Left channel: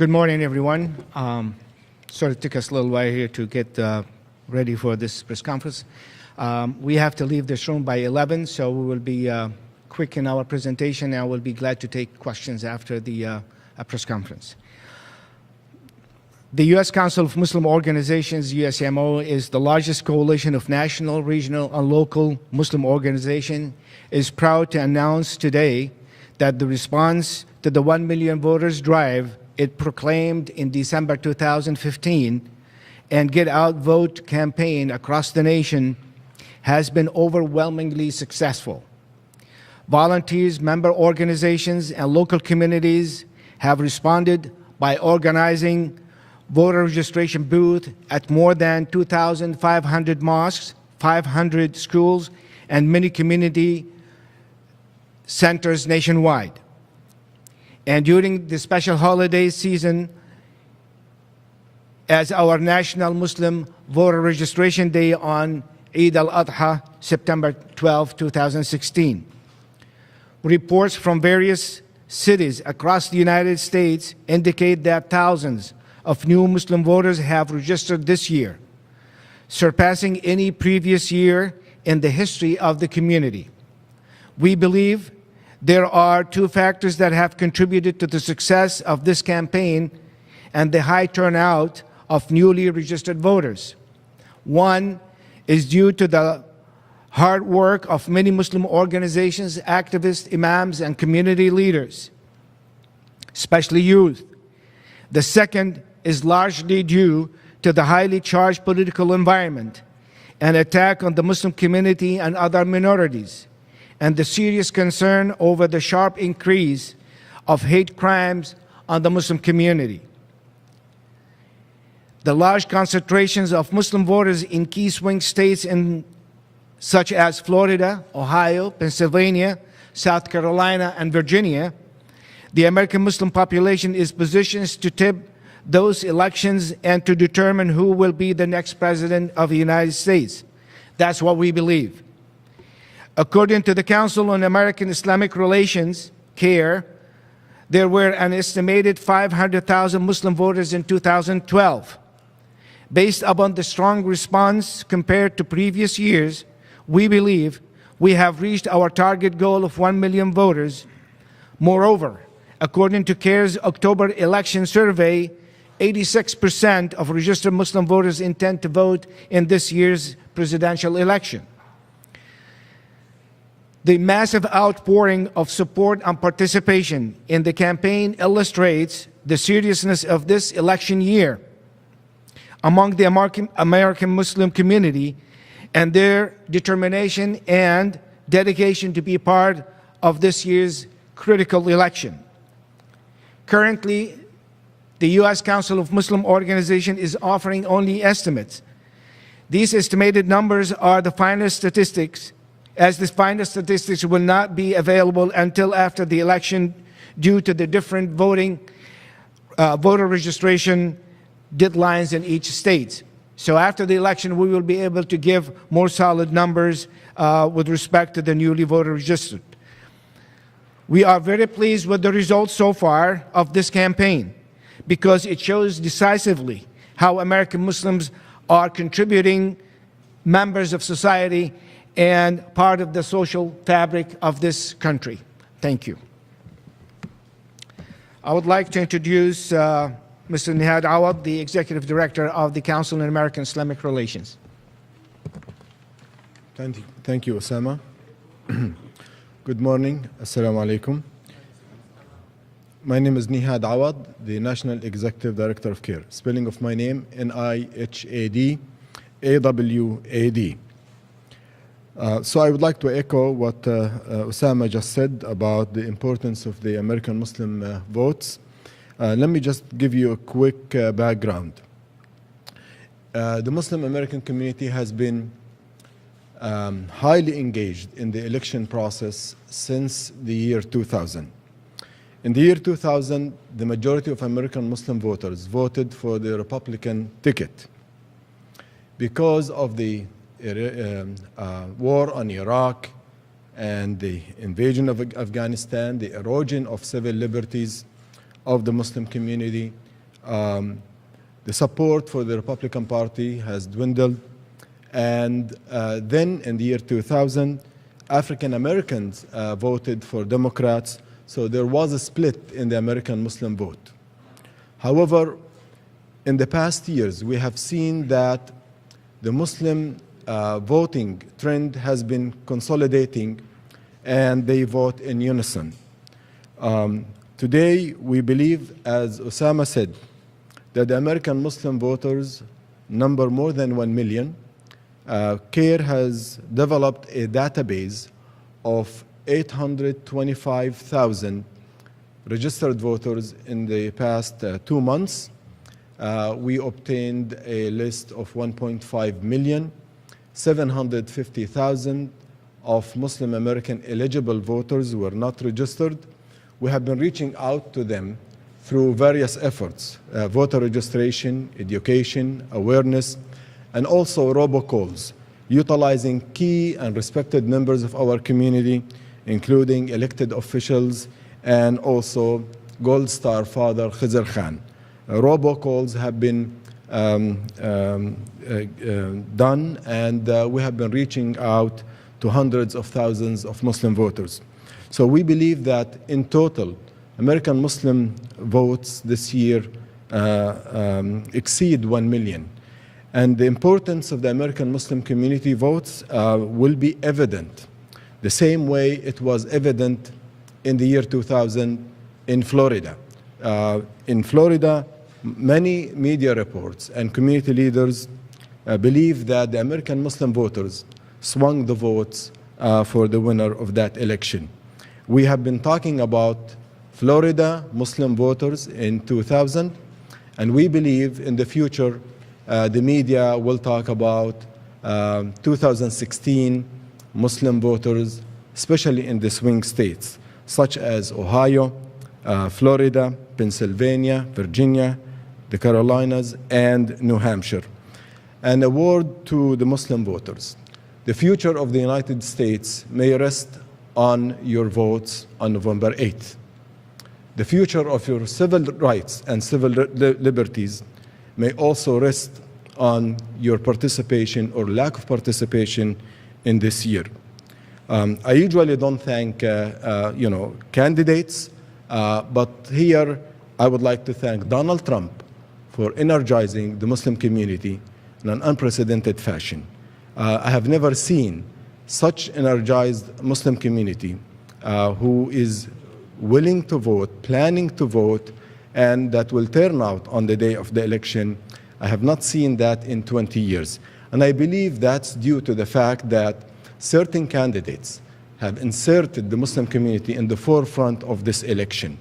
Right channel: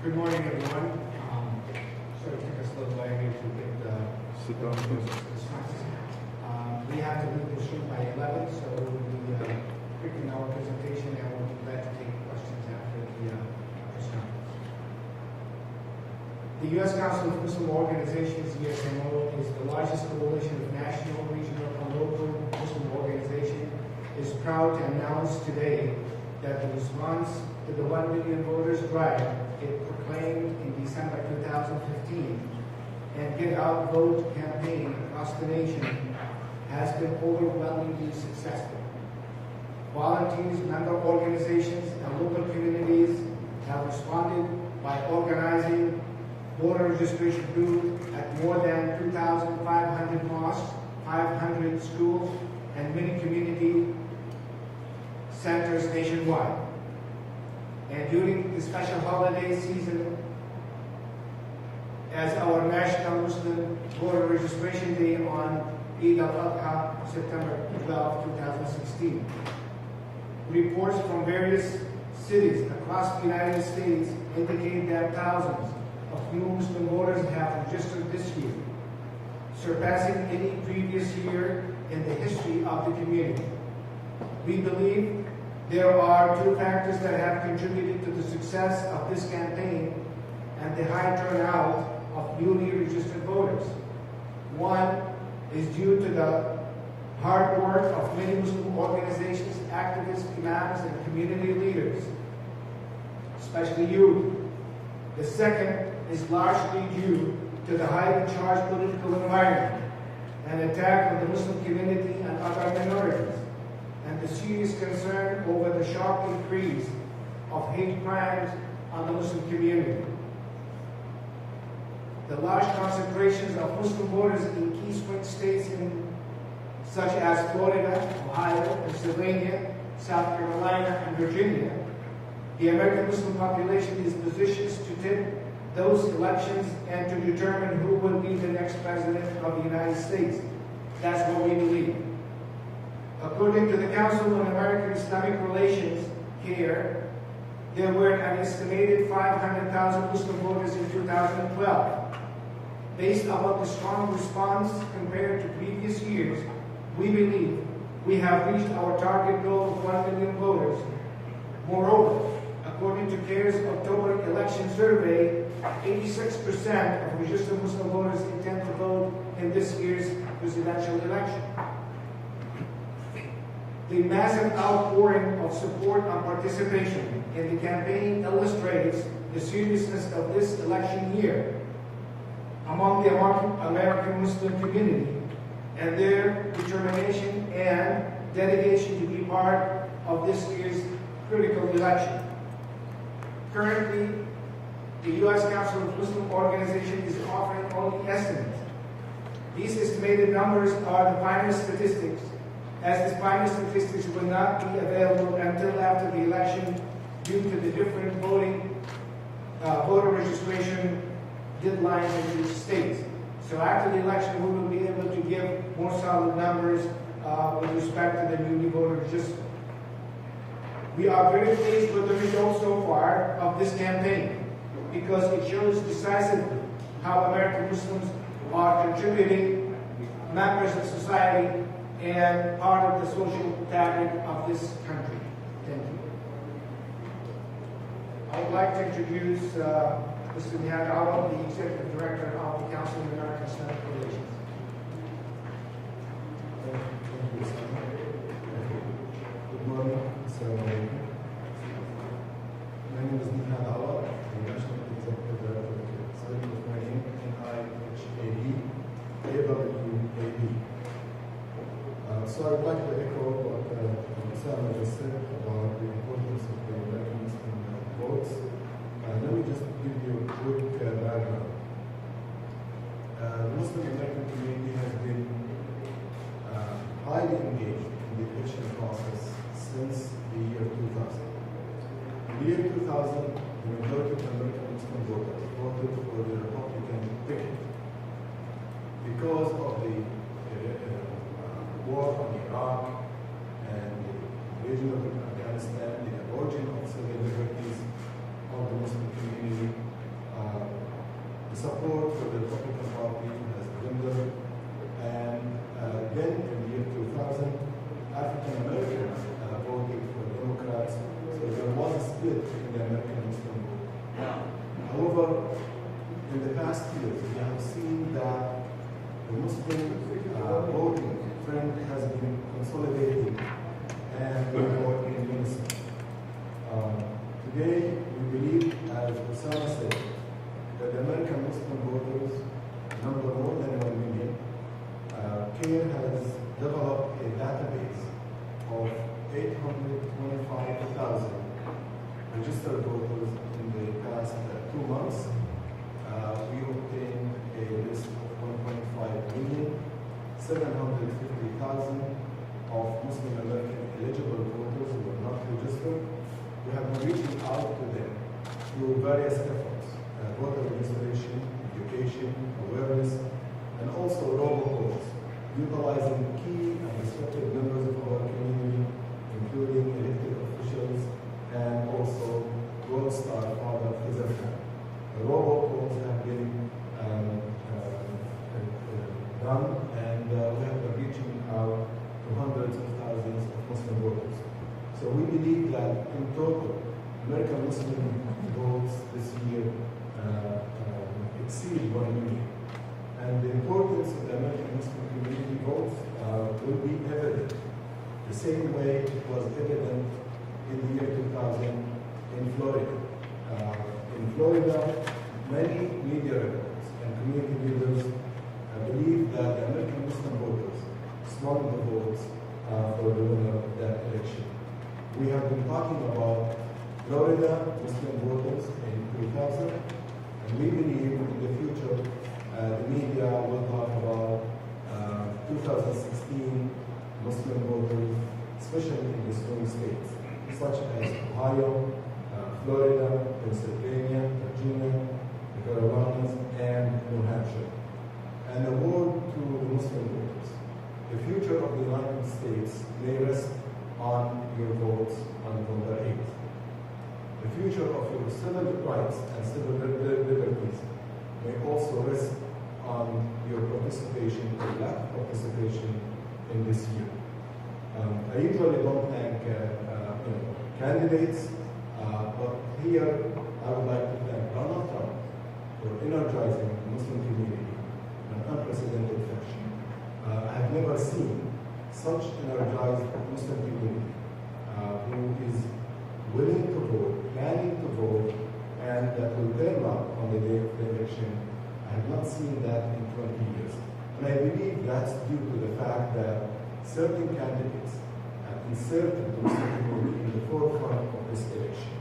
Good morning, everyone. Sort of took us a little while here to get ready for this press conference. We have to leave this room by 11, so we will be quick in our presentation, and we'll be glad to take questions after the press conference. The U.S. Council of Muslim Organizations, USCMO, is the largest coalition of national, regional, and local Muslim organizations, is proud to announce today that the response to the 1 million voters drive it proclaimed in December 2015 and Get Out Vote campaign across the nation has been overwhelmingly successful. Volunteers, member organizations, and local communities have responded by organizing voter registration booths at more than 2,500 mosques, 500 schools, and many community centers nationwide. And during the special holiday season, as our National Muslim Voter Registration Day on Eid al-Adha, September 12, 2016. Reports from various cities across the United States indicate that thousands of new Muslim voters have registered this year, surpassing any previous year in the history of the community. We believe there are two factors that have contributed to the success of this campaign and the high turnout of newly registered voters. One is due to the hard work of many Muslim organizations, activists, imams, and community leaders, especially youth. The second is largely due to the highly charged political environment, an attack on the Muslim community and other minorities, and the serious concern over the sharp increase of hate crimes on the Muslim community. The large concentrations of Muslim voters in key swing states such as Florida, Ohio, Pennsylvania, South Carolina, and Virginia, the American Muslim population is positioned to tip those elections and to determine who will be the next president of the United States. That's what we believe. According to the Council on American Islamic Relations, CAIR, there were an estimated 500,000 Muslim voters in 2012. Based upon the strong response compared to previous years, we believe we have reached our target goal of 1 million voters. Moreover, according to CAIR's October election survey, 86% of registered Muslim voters intend to vote in this year's presidential election. The massive outpouring of support and participation in the campaign illustrates the seriousness of this election year among the American Muslim community and their determination and dedication to be part of this year's critical election. Currently, the U.S. Council of Muslim Organizations is offering only estimates. These estimated numbers are the final statistics, as the final statistics will not be available until after the election due to the different voter registration deadlines in each state. So after the election, we will be able to give more solid numbers with respect to the newly voter registered. We are very pleased with the results so far of this campaign because it shows decisively how American Muslims are contributing members of society and part of the social fabric of this country. Thank you. I would like to introduce Mr. Nihad Awad, the Executive Director of the Council on American Islamic Relations. Thank you, Osama. Good morning. Assalamu alaikum. My name is Nihad Awad, the National Executive Director of CAIR. Spelling of my name, N-I-H-A-D, A-W-A-D. So I would like to echo what Osama just said about the importance of the American Muslim votes. Let me just give you a quick background. The Muslim American community has been highly engaged in the election process since the year 2000. In the year 2000, the majority of American Muslim voters voted for the Republican ticket because of the war on Iraq and the invasion of Afghanistan, the erosion of civil liberties of the Muslim community, the support for the Republican Party has dwindled. And then in the year 2000, African Americans voted for Democrats, so there was a split in the American Muslim vote. However, in the past years, we have seen that the Muslim voting trend has been consolidating, and they vote in unison. Today, we believe, as Osama said, that the American Muslim voters number more than 1 million. CARE has developed a database of 825,000 registered voters in the past 2 months. We obtained a list of 1.5 million, 750,000 of Muslim American eligible voters were not registered. We have been reaching out to them through various efforts, voter registration, education, awareness, and also robocalls, utilizing key and respected members of our community, including elected officials and also Gold Star Father Khizr Khan. Robocalls have been done, and we have been reaching out to hundreds of thousands of Muslim voters. So we believe that in total, American Muslim votes this year exceed 1 million. And the importance of the American Muslim community votes will be evident the same way it was evident in the year 2000 in Florida. In Florida, many media reports and community leaders believe that the American Muslim voters swung the votes for the winner of that election. We have been talking about Florida Muslim voters in 2000, and we believe in the future the media will talk about 2016 Muslim voters, especially in the swing states, such as Ohio, Florida, Pennsylvania, Virginia, the Carolinas, and New Hampshire. And a word to the Muslim voters. The future of the United States may rest on your votes on November 8th. The future of your civil rights and civil liberties may also rest on your participation or lack of participation in this year. I usually don't thank candidates, but here I would like to thank Donald Trump for energizing the Muslim community in an unprecedented fashion. I have never seen such energized Muslim community who is willing to vote, planning to vote, and that will turn out on the day of the election. I have not seen that in 20 years. And I believe that's due to the fact that certain candidates have inserted the Muslim community in the forefront of this election.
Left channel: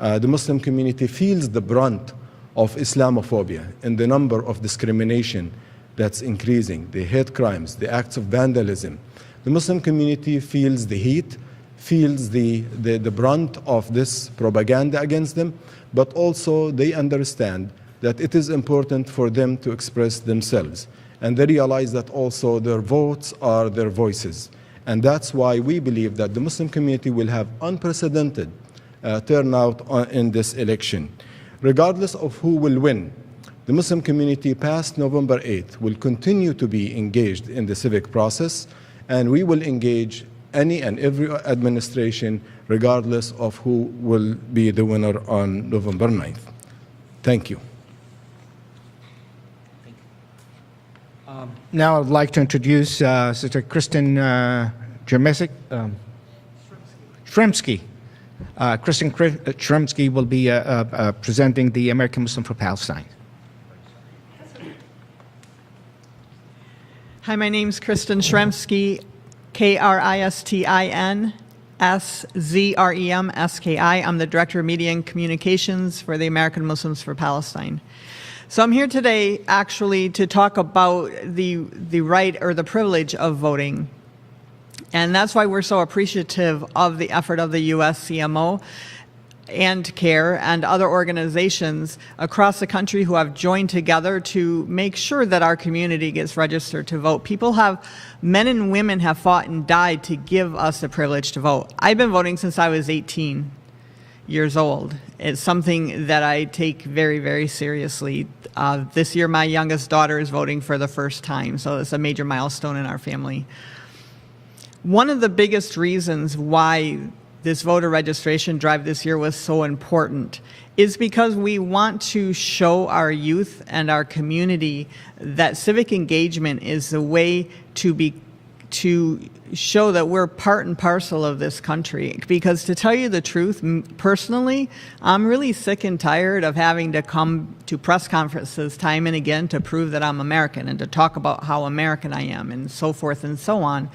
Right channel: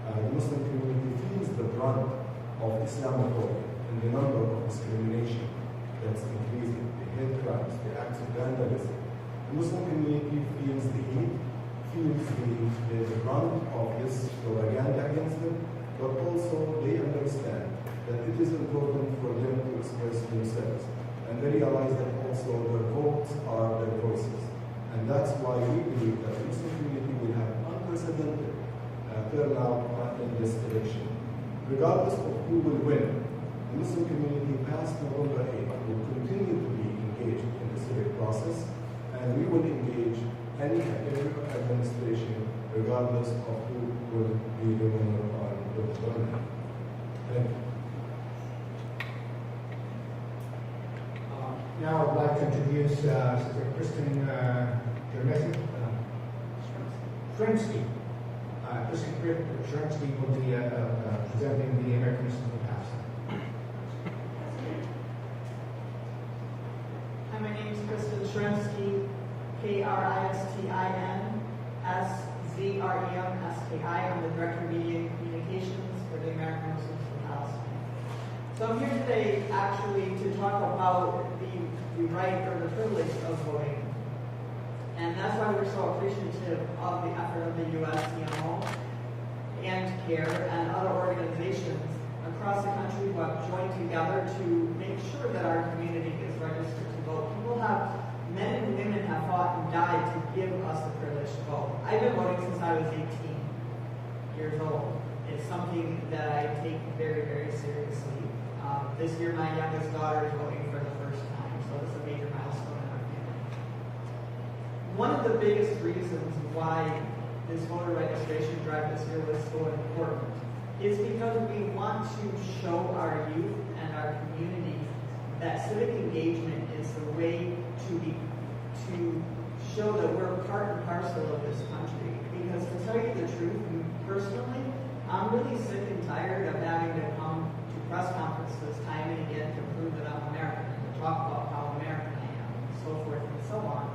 The Muslim community feels the brunt of Islamophobia and the number of discrimination that's increasing, the hate crimes, the acts of vandalism. The Muslim community feels the heat, feels the brunt of this propaganda against them, but also they understand that it is important for them to express themselves. And they realize that also their votes are their voices. And that's why we believe that the Muslim community will have unprecedented turnout in this election. Regardless of who will win, the Muslim community past November 8th will continue to be engaged in the civic process, and we will engage any and every administration regardless of who will be the winner on November 9th. Thank you. Now I'd like to introduce Sister Kristen Shremsky. Kristen Shremsky will be presenting the American Muslim for Palestine. Hi, my name's Kristen Shremsky, KristinSzremski. I'm the Director of Media and Communications for the American Muslims for Palestine. So I'm here today actually to talk about the right or the privilege of voting. And that's why we're so appreciative of the effort of the USCMO and CARE and other organizations across the country who have joined together to make sure that our community gets registered to vote. Men and women have fought and died to give us the privilege to vote. I've been voting since I was 18 years old. It's something that I take very, very seriously. This year, my youngest daughter is voting for the first time, so it's a major milestone in our family. One of the biggest reasons why this voter registration drive this year was so important is because we want to show our youth and our community that civic engagement is the way to show that we're part and parcel of this country. Because to tell you the truth, personally, I'm really sick and tired of having to come to press conferences time and again to prove that I'm American and to talk about how American I am and so forth and so on.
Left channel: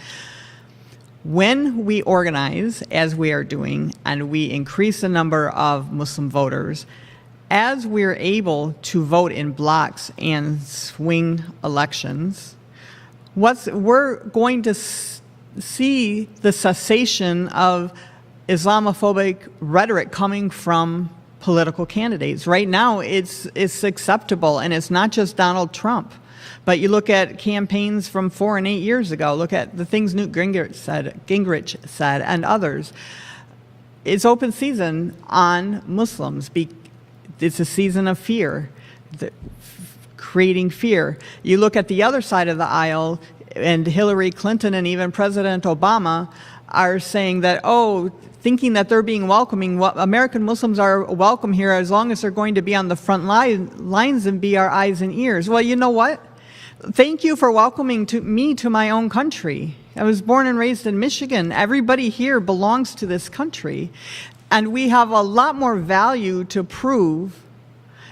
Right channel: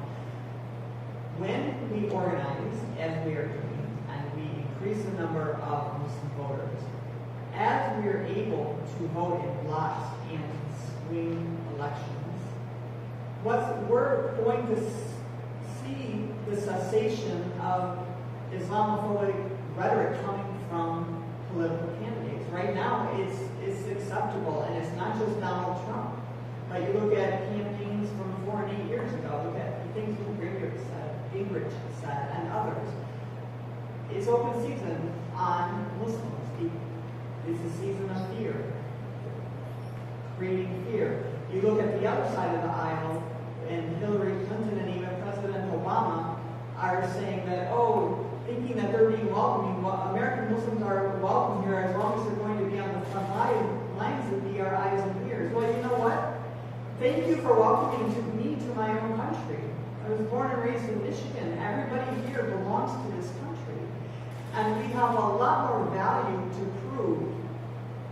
When we organize, as we are doing, and we increase the number of Muslim voters, as we're able to vote in blocks and swing elections, we're going to see the cessation of Islamophobic rhetoric coming from political candidates. Right now, it's acceptable, and it's not just Donald Trump. But you look at campaigns from 4 and 8 years ago, look at the things Newt Gingrich said, and others. It's open season on Muslims. It's a season of fear, creating fear. You look at the other side of the aisle, and Hillary Clinton and even President Obama are saying that, thinking that they're being welcoming. Well, American Muslims are welcome here as long as they're going to be on the front lines and be our eyes and ears. Well, you know what? Thank you for welcoming me to my own country. I was born and raised in Michigan. Everybody here belongs to this country. And we have a lot more value to prove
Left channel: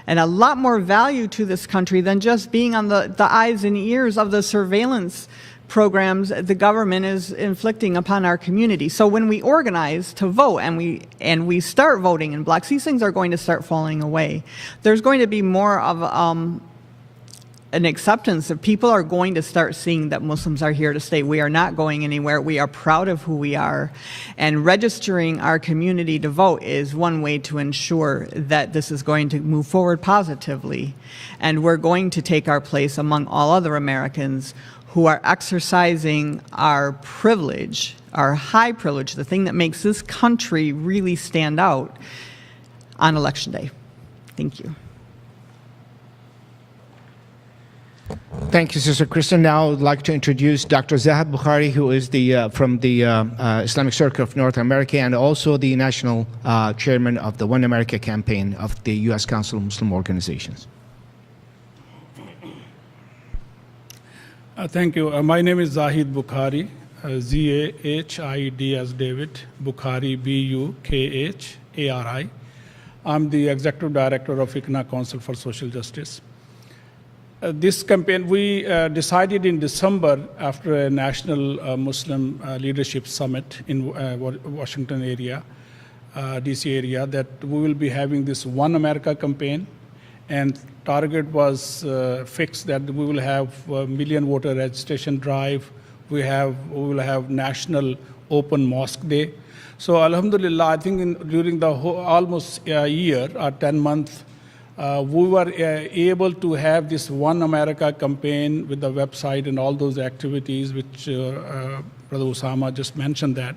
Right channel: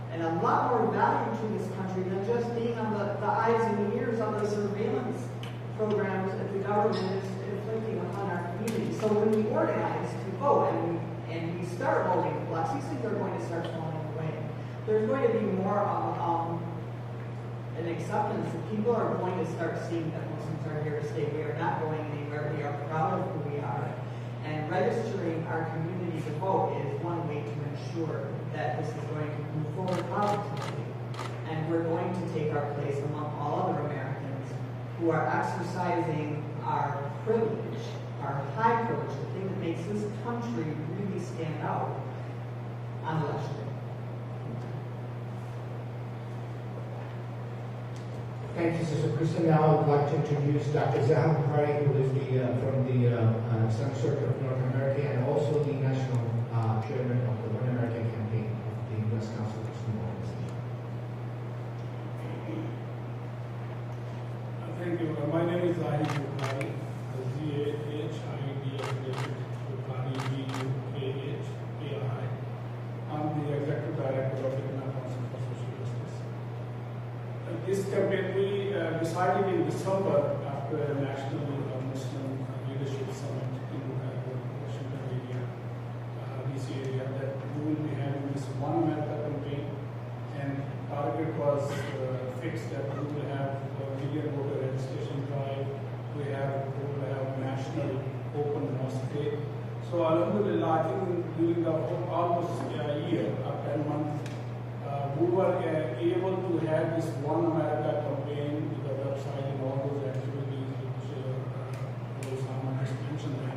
and a lot more value to this country than just being on the eyes and ears of the surveillance programs the government is inflicting upon our community. So when we organize to vote and we start voting in blocks, these things are going to start falling away. There's going to be more of an acceptance that people are going to start seeing that Muslims are here to stay. We are not going anywhere. We are proud of who we are. And registering our community to vote is one way to ensure that this is going to move forward positively. And we're going to take our place among all other Americans who are exercising our privilege, our high privilege, the thing that makes this country really stand out on Election Day. Thank you. Thank you, Sister Kristen. Now I'd like to introduce Dr. Zahab Bukhari, who is from the Islamic Circle of North America and also the national chairman of the One America campaign of the U.S. Council of Muslim Organizations. Thank you. My name is Zahid Bukhari, Z-A-H-I-D as David, Bukhari, B-U-K-H-A-R-I. I'm the Executive Director of ICNA Council for Social Justice. This campaign, we decided in December after a national Muslim leadership summit in Washington area, DC area, that we will be having this One America campaign, and target was fixed that we will have a million voter registration drive. We will have national open mosque day. So Alhamdulillah, I think during the almost a year or 10 months, we were able to have this One America campaign with the website and all those activities which Brother Osama just mentioned that.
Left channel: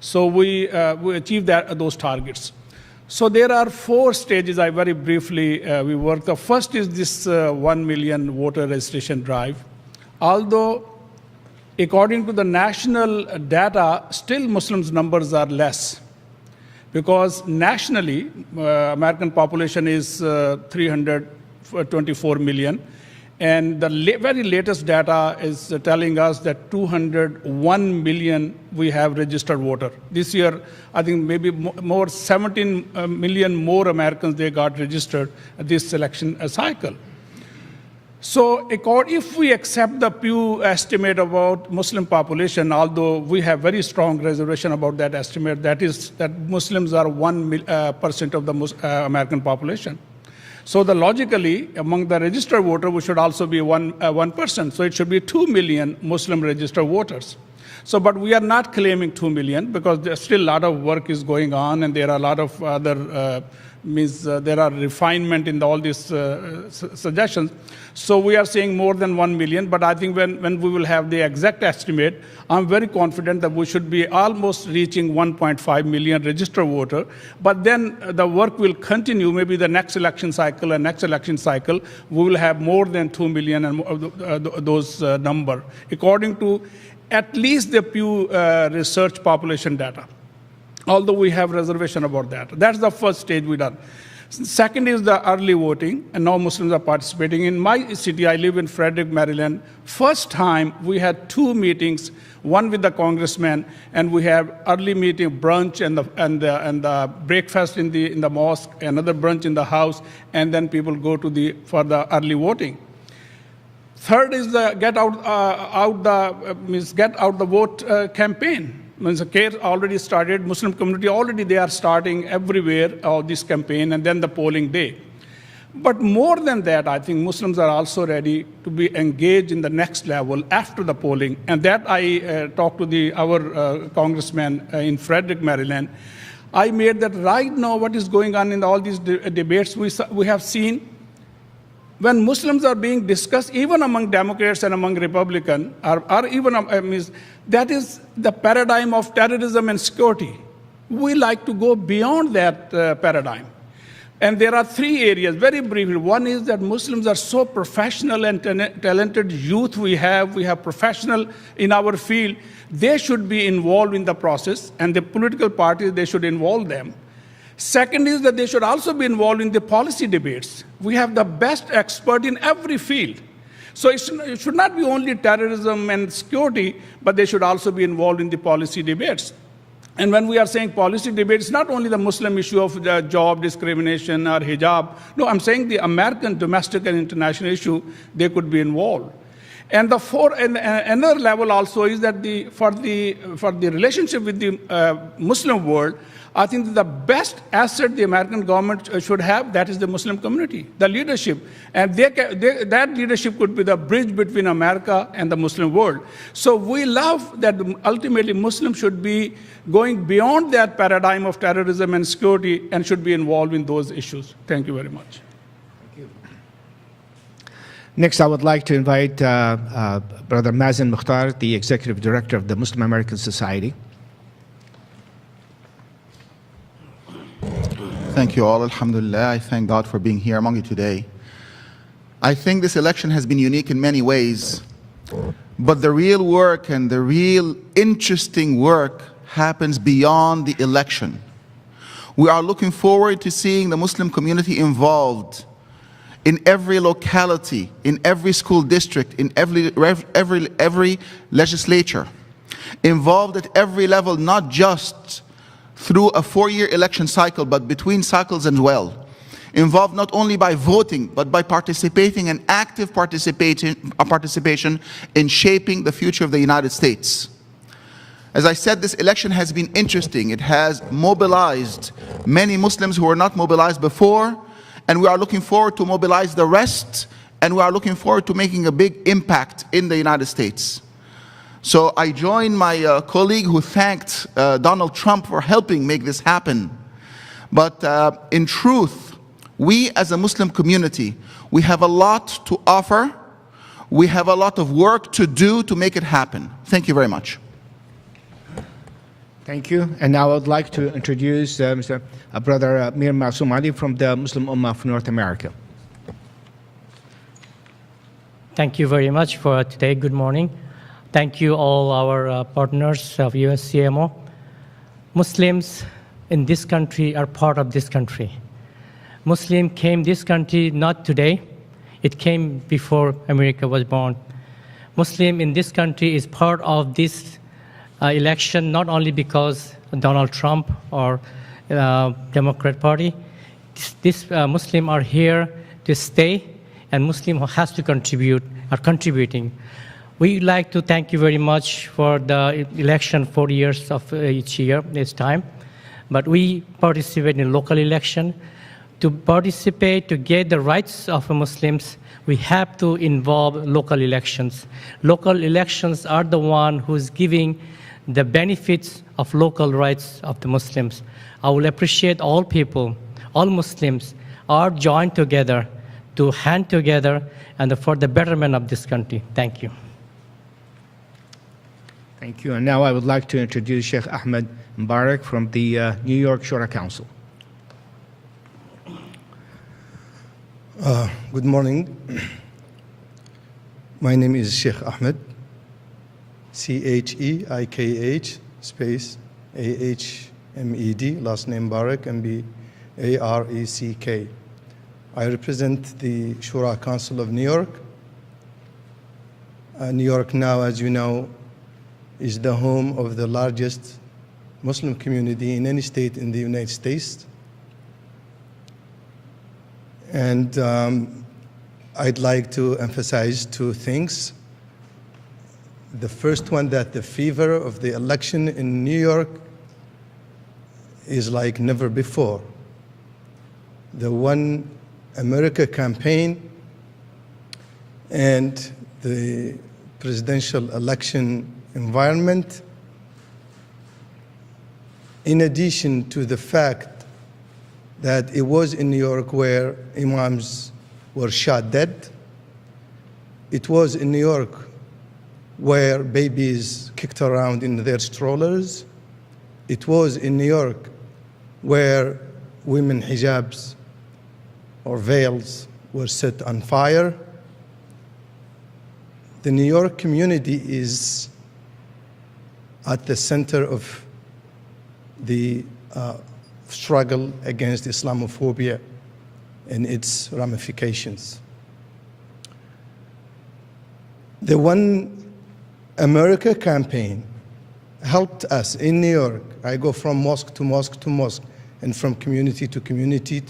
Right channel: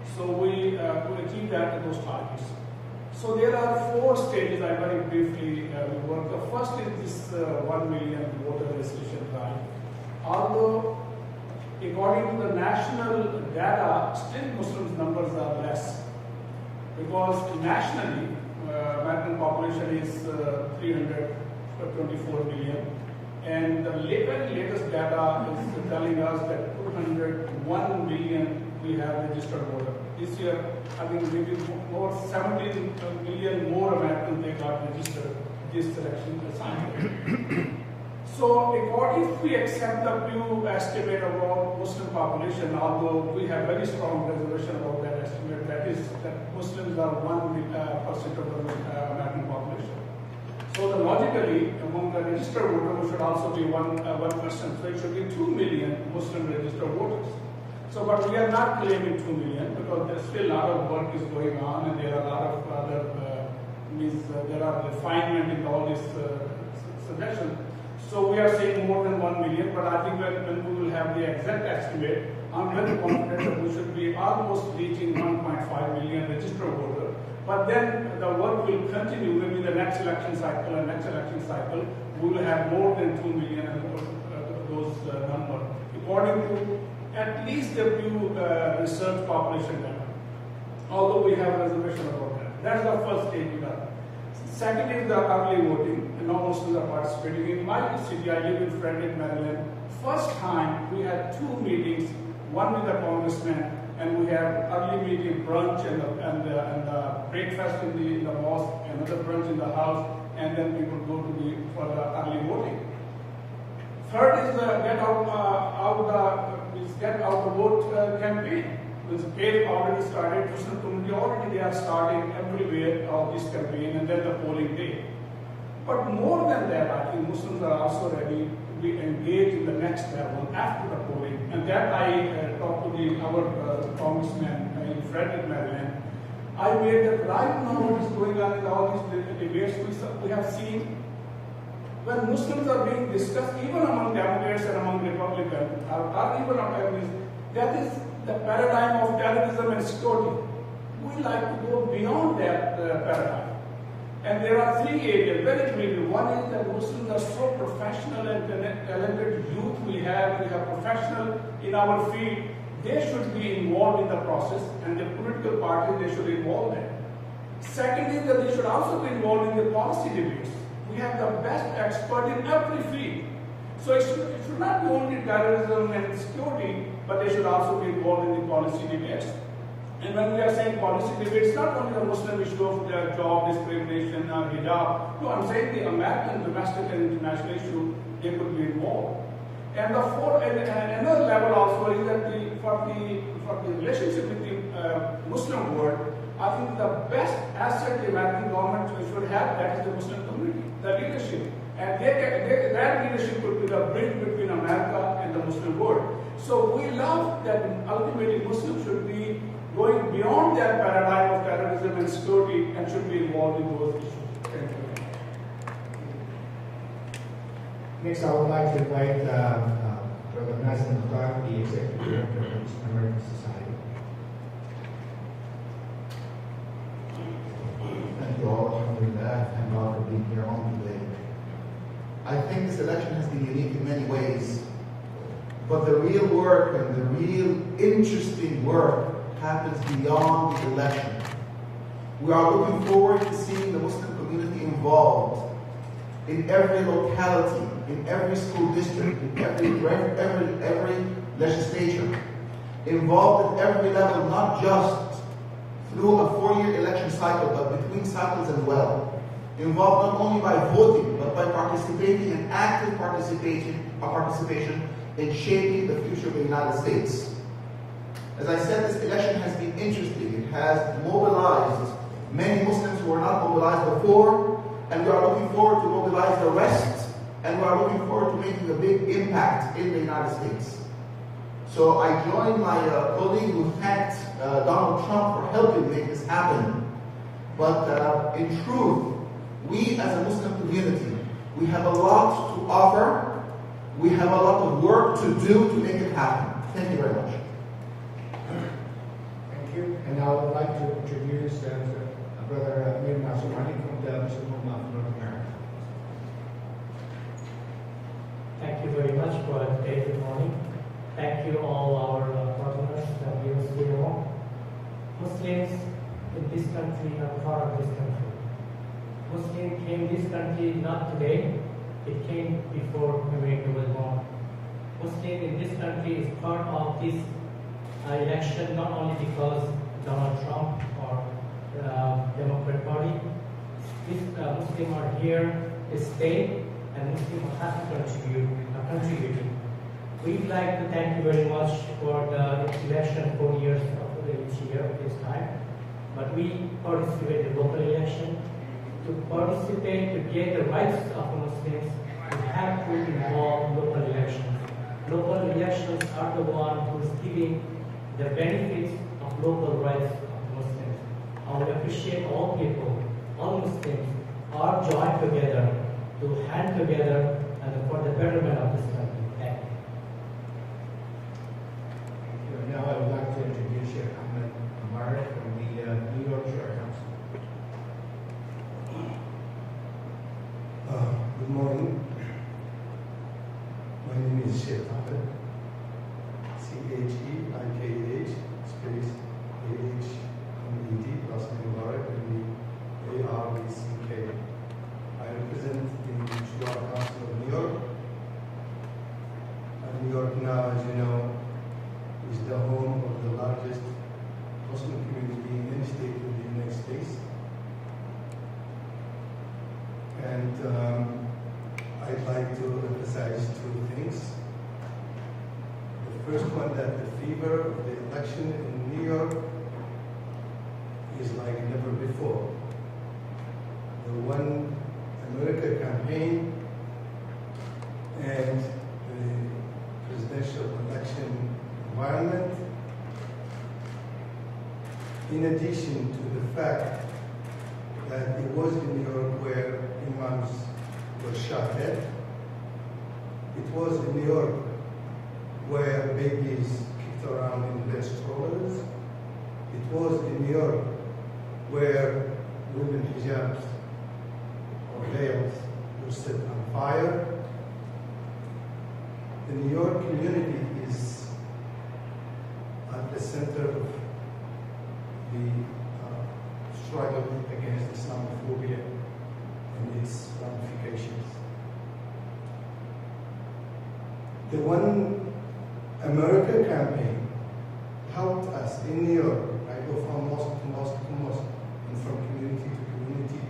So we achieved those targets. So there are 4 stages I very briefly we work. The first is this 1 million voter registration drive. Although according to the national data, still Muslims numbers are less. Because nationally, American population is 324 million, and the very latest data is telling us that 201 million we have registered voter. This year, I think maybe more 17 million more Americans they got registered at this election cycle. So if we accept the Pew estimate about Muslim population, although we have very strong reservation about that estimate, that is that Muslims are 1% of the American population. So logically, among the registered voters, we should also be 1%. So it should be 2 million Muslim registered voters. So, but we are not claiming 2 million because there's still a lot of work is going on, and there are a lot of other there are refinement in all these suggestions. So we are saying more than 1 million, but I think when we will have the exact estimate, I'm very confident that we should be almost reaching 1.5 million registered voter. But then the work will continue. Maybe the next election cycle and next election cycle, we will have more than 2 million and those number, according to at least the Pew Research population data. Although we have reservation about that. That's the first stage we done. Second is the early voting, and now Muslims are participating. In my city, I live in Frederick, Maryland. First time we had 2 meetings, one with the congressman, and we have early meeting, brunch, and the breakfast in the mosque, another brunch in the house, and then people go to for the early voting. Third is the get out the vote campaign. Means the case already started, Muslim community already they are starting everywhere this campaign, and then the polling day. But more than that, I think Muslims are also ready to be engaged in the next level after the polling, and that I talked to our congressman in Frederick, Maryland. I made that right now what is going on in all these debates, we have seen when Muslims are being discussed, even among Democrats and among Republicans, or even that is the paradigm of terrorism and security. We like to go beyond that paradigm. And there are 3 areas, very briefly. One is that Muslims are so professional and talented youth we have professional in our field. They should be involved in the process, and the political parties, they should involve them. Second is that they should also be involved in the policy debates. We have the best expert in every field. So it should not be only terrorism and security, but they should also be involved in the policy debates. And when we are saying policy debates, not only the Muslim issue of the job discrimination or hijab. No, I'm saying the American domestic and international issue, they could be involved. And another level also is that for the relationship with the Muslim world, I think the best asset the American government should have, that is the Muslim community, the leadership. And that leadership could be the bridge between America and the Muslim world. So we love that ultimately Muslims should be going beyond that paradigm of terrorism and security and should be involved in those issues. Thank you very much. Next, I would like to invite Brother Mazen Mukhtar, the Executive Director of the Muslim American Society. Thank you all. Alhamdulillah. I thank God for being here among you today. I think this election has been unique in many ways, but the real work and the real interesting work happens beyond the election. We are looking forward to seeing the Muslim community involved in every locality, in every school district, in every legislature, involved at every level, not just through a 4-year election cycle, but between cycles as well. Involved not only by voting, but by participating and active participation in shaping the future of the United States. As I said, this election has been interesting. It has mobilized many Muslims who were not mobilized before, and we are looking forward to mobilize the rest, and we are looking forward to making a big impact in the United States. So I join my colleague who thanked Donald Trump for helping make this happen. But in truth, we as a Muslim community, we have a lot to offer. We have a lot of work to do to make it happen. Thank you very much. Thank you. And now I would like to introduce Brother Mir Masoom Ali from the Muslim Ummah of North America. Thank you very much for today. Good morning. Thank you all our partners of USCMO. Muslims in this country are part of this country. Muslim came this country not today. It came before America was born. Muslim in this country is part of this election not only because Donald Trump or Democrat Party. This Muslim are here to stay, and Muslim who has to contribute are contributing. We'd like to thank you very much for the election 4 years of each time. But we participate in local election. To participate, to get the rights of Muslims, we have to involve local elections. Local elections are the one who's giving the benefits of local rights of the Muslims. I will appreciate all people, all Muslims are joined together to hand together and for the betterment of this country. Thank you. Thank you. And now I would like to introduce Sheikh Ahmed Mubarak from the New York Shura Council. Good morning. My name is Sheikh Ahmed, Cheikh space Ahmed, last name Barak, Barak. I represent the Shura Council of New York. New York now, as you know, is the home of the largest Muslim community in any state in the United States. And I'd like to emphasize two things. The first one, that the fever of the election in New York is like never before. The One America campaign and the presidential election environment, in addition to the fact that it was in New York where imams were shot dead, it was in New York where babies kicked around in their strollers, it was in New York where women hijabs or veils were set on fire. The New York community is at the center of the struggle against Islamophobia and its ramifications. The One America campaign helped us in New York. I go from mosque to mosque to mosque and from community to community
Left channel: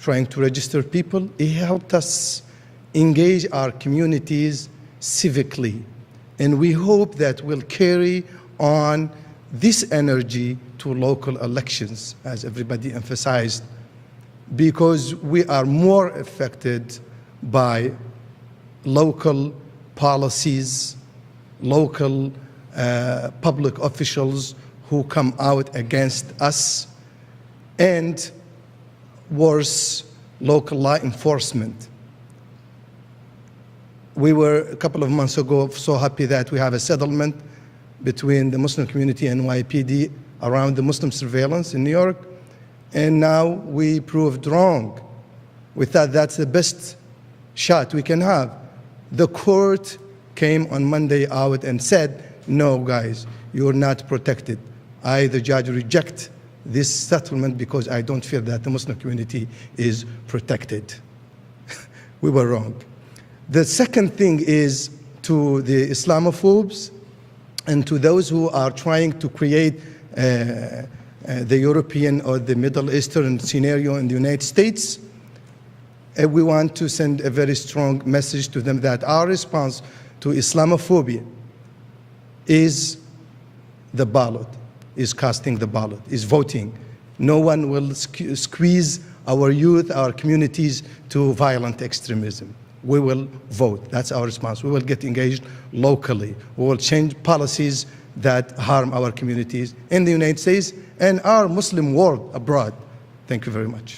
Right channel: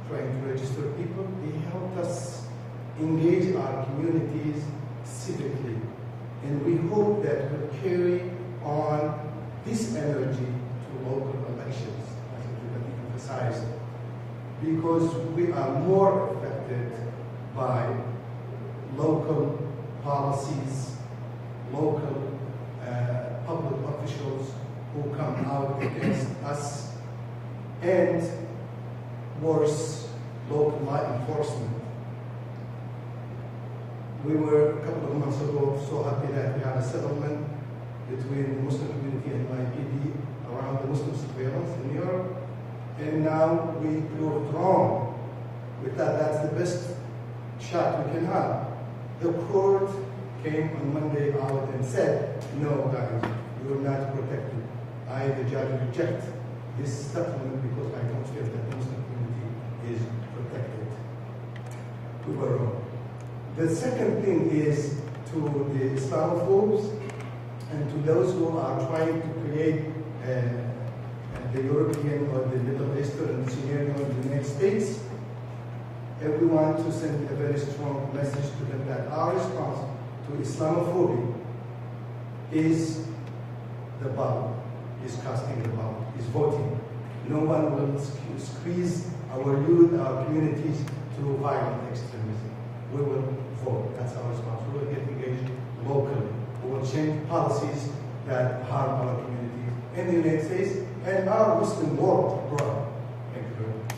trying to register people. It helped us engage our communities civically. And we hope that we'll carry on this energy to local elections, as everybody emphasized, because we are more affected by local policies, local public officials who come out against us, and worse, local law enforcement. We were a couple of months ago so happy that we have a settlement between the Muslim community and NYPD around the Muslim surveillance in New York, and now we proved wrong. We thought that's the best shot we can have. The court came on Monday out and said, no guys, you're not protected. I, the judge, reject this settlement because I don't feel that the Muslim community is protected. We were wrong. The second thing is to the Islamophobes and to those who are trying to create the European or the Middle Eastern scenario in the United States, we want to send a very strong message to them that our response to Islamophobia is the ballot, is casting the ballot, is voting. No one will squeeze our youth, our communities to violent extremism. We will vote. That's our response. We will get engaged locally. We will change policies that harm our communities in the United States and our Muslim world abroad. Thank you very much.